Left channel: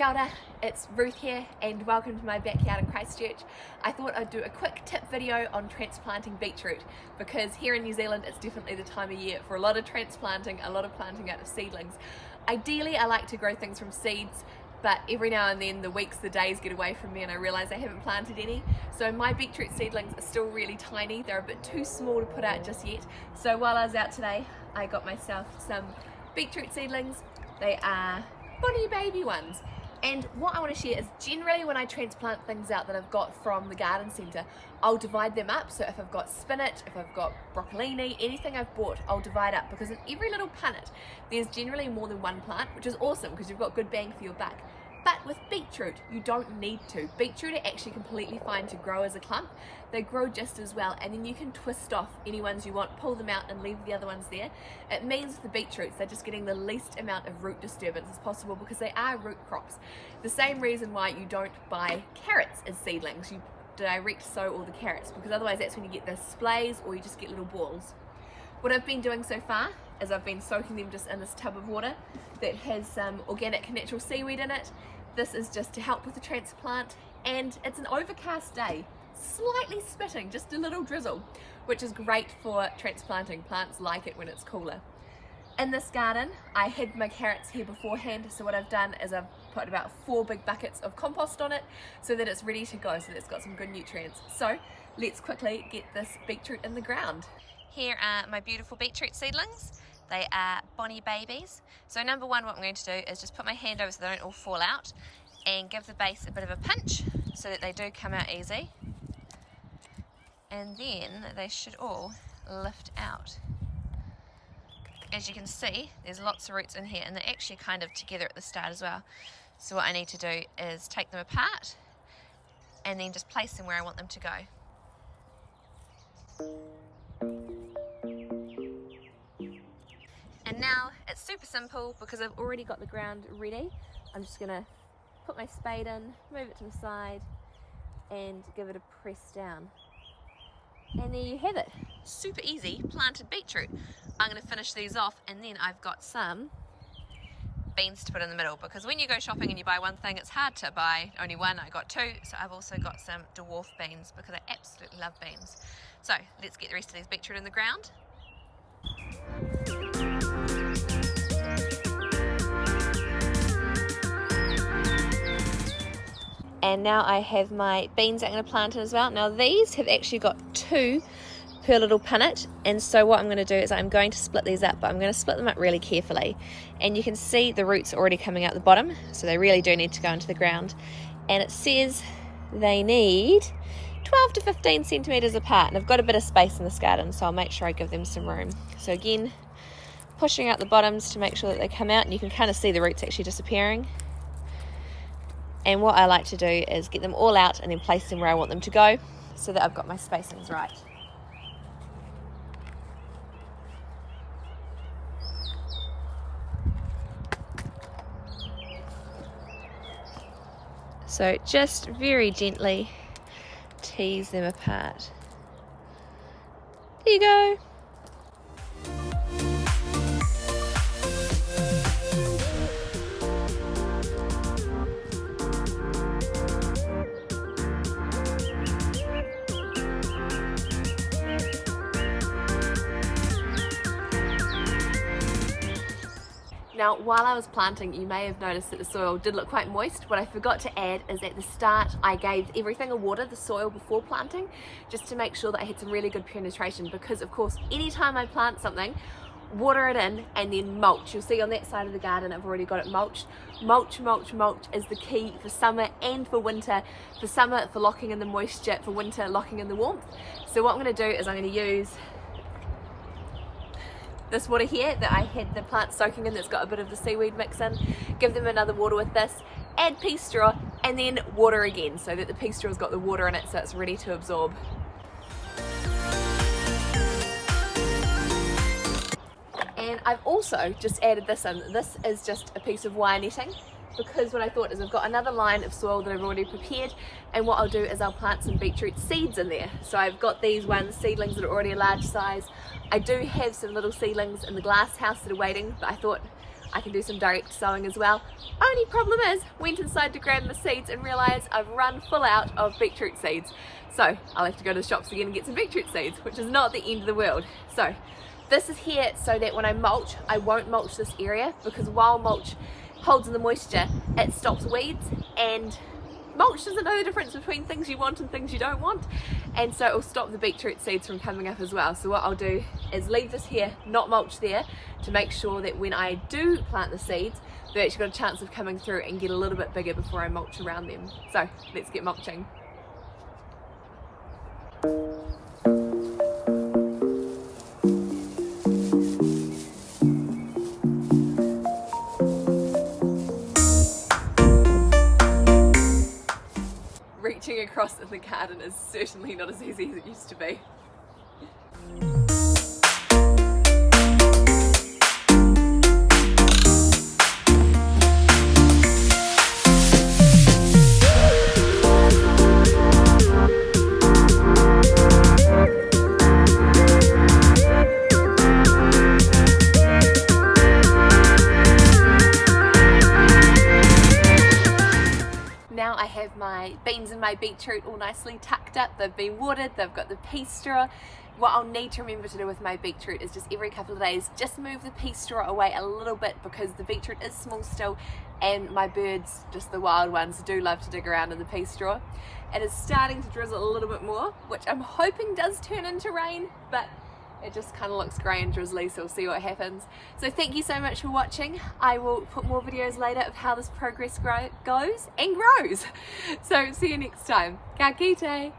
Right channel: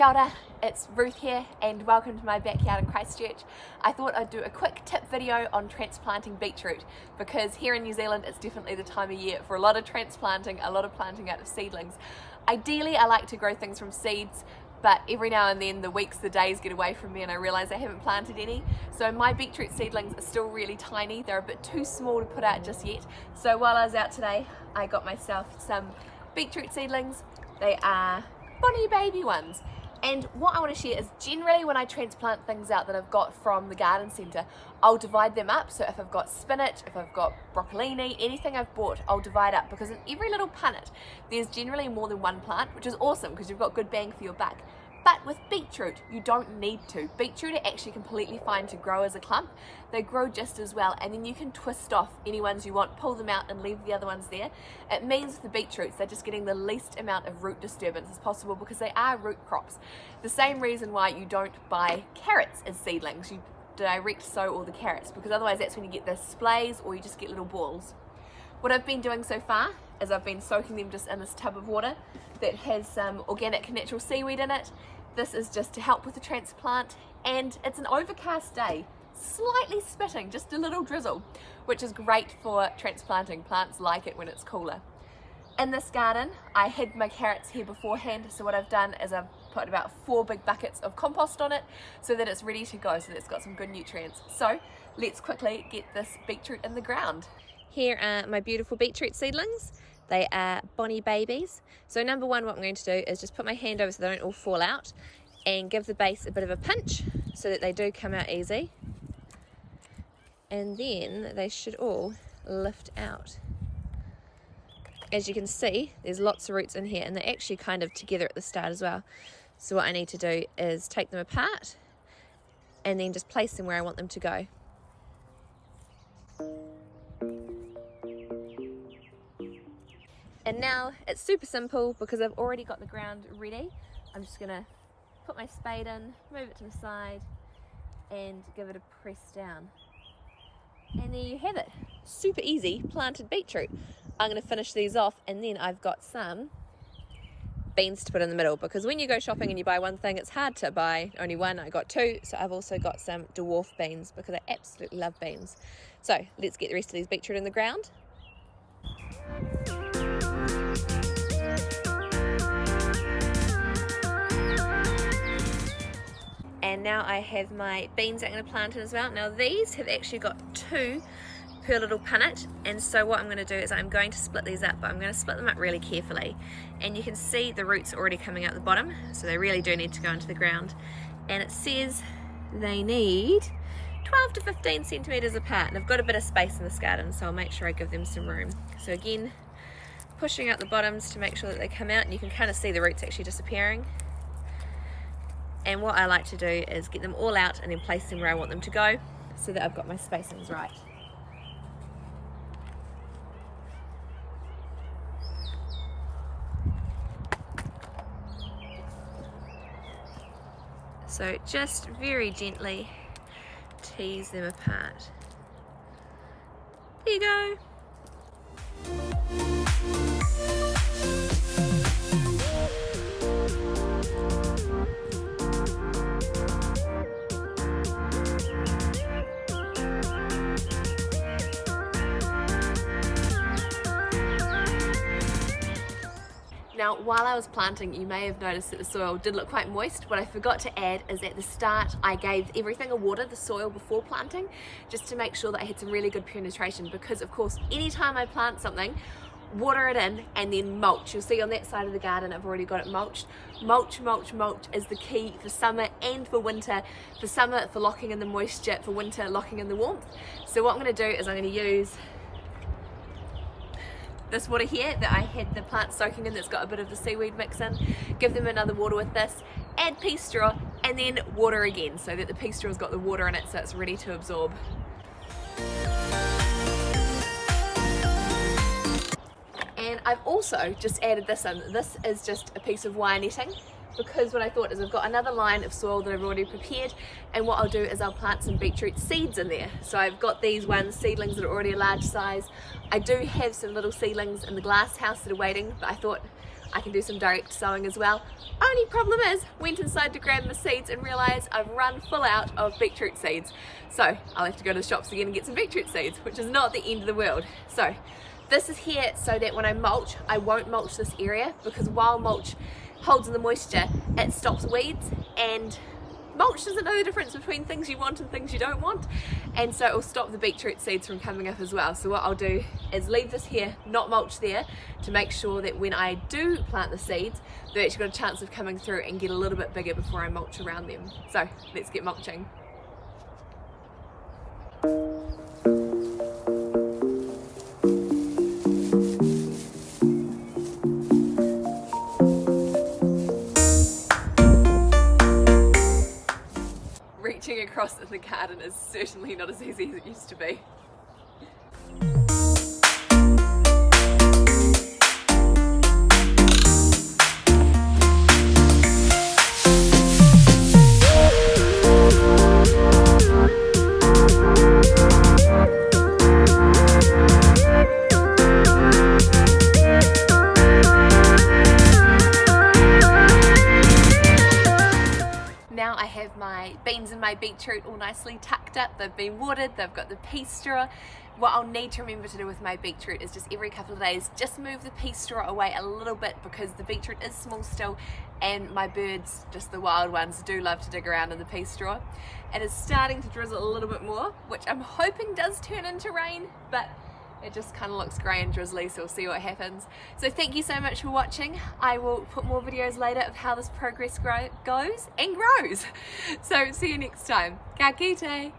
Kia ora, it's Ruth here and welcome to my backyard in Christchurch. I thought I'd do a quick tip video on transplanting beetroot because here in New Zealand it's definitely the time of year for a lot of transplanting, a lot of planting out of seedlings. Ideally I like to grow things from seeds, but every now and then the weeks, the days get away from me and I realise I haven't planted any. So my beetroot seedlings are still really tiny, they're a bit too small to put out just yet. So while I was out today I got myself some beetroot seedlings. They are bonny baby ones. And what I want to share is generally when I transplant things out that I've got from the garden centre, I'll divide them up. So if I've got spinach, if I've got broccolini, anything I've bought, I'll divide up because in every little punnet, there's generally more than one plant, which is awesome because you've got good bang for your buck. But with beetroot, you don't need to. Beetroot are actually completely fine to grow as a clump. They grow just as well, and then you can twist off any ones you want, pull them out and leave the other ones there. It means with the beetroots, they're just getting the least amount of root disturbance as possible because they are root crops. The same reason why you don't buy carrots as seedlings. You direct sow all the carrots because otherwise that's when you get the splays or you just get little balls. What I've been doing so far is I've been soaking them just in this tub of water that has some organic natural seaweed in it. This is just to help with the transplant, and it's an overcast day, slightly spitting, just a little drizzle, which is great for transplanting. Plants like it when it's cooler. In this garden, I hid my carrots here beforehand, so what I've done is I've put about 4 big buckets of compost on it so that it's ready to go, so that it's got some good nutrients. So let's quickly get this beetroot in the ground. Here are my beautiful beetroot seedlings. They are bonny babies. So number one, what I'm going to do is just put my hand over so they don't all fall out and give the base a bit of a pinch so that they do come out easy. And then they should all lift out. As you can see, there's lots of roots in here and they're actually kind of together at the start as well. So what I need to do is take them apart and then just place them where I want them to go. And now it's super simple because I've already got the ground ready. I'm just gonna put my spade in, move it to the side and give it a press down. And there you have it, super easy planted beetroot. I'm gonna finish these off and then I've got some beans to put in the middle because when you go shopping and you buy one thing, it's hard to buy only one. I got 2, so I've also got some dwarf beans because I absolutely love beans. So let's get the rest of these beetroot in the ground. And now I have my beans I'm going to plant in as well. Now these have actually got 2 per little punnet, and so what I'm going to do is I'm going to split these up, but I'm going to split them up really carefully. And you can see the roots already coming out the bottom, so they really do need to go into the ground. And it says they need 12 to 15 centimetres apart, and I've got a bit of space in this garden, so I'll make sure I give them some room. So again, pushing out the bottoms to make sure that they come out, and you can kind of see the roots actually disappearing. And what I like to do is get them all out and then place them where I want them to go so that I've got my spacings right. So just very gently tease them apart. There you go. Now, while I was planting, you may have noticed that the soil did look quite moist. What I forgot to add is at the start, I gave everything a water, the soil before planting, just to make sure that I had some really good penetration because, of course, anytime I plant something, water it in and then mulch. You'll see on that side of the garden, I've already got it mulched. Mulch, mulch, mulch is the key for summer and for winter. For summer, for locking in the moisture, for winter, locking in the warmth. So what I'm going to do is I'm going to use this water here that I had the plant soaking in that's got a bit of the seaweed mix in, give them another water with this, add pea straw and then water again so that the pea straw's got the water in it so it's ready to absorb. And I've also just added this in. This is just a piece of wire netting because what I thought is I've got another line of soil that I've already prepared, and what I'll do is I'll plant some beetroot seeds in there. So I've got these seedlings that are already a large size. I do have some little seedlings in the glass house that are waiting, but I thought I can do some direct sowing as well. Only problem is, went inside to grab my seeds and realised I've run full out of beetroot seeds. So I'll have to go to the shops again and get some beetroot seeds, which is not the end of the world. So this is here so that when I mulch, I won't mulch this area, because while mulch holds in the moisture, it stops weeds, and mulch doesn't know the difference between things you want and things you don't want, and so it will stop the beetroot seeds from coming up as well. So what I'll do is leave this here, not mulch there, to make sure that when I do plant the seeds, they've actually got a chance of coming through and get a little bit bigger before I mulch around them. So let's get mulching. Reaching across in the garden is certainly not as easy as it used to be. Now I have my beans and my beetroot all nicely tucked up. They've been watered, they've got the pea straw. What I'll need to remember to do with my beetroot is just every couple of days, just move the pea straw away a little bit, because the beetroot is small still and my birds, just the wild ones, do love to dig around in the pea straw. It is starting to drizzle a little bit more, which I'm hoping does turn into rain, but it just kind of looks grey and drizzly, so we'll see what happens. So thank you so much for watching. I will put more videos later of how this progress goes and grows. So see you next time. Ka kite!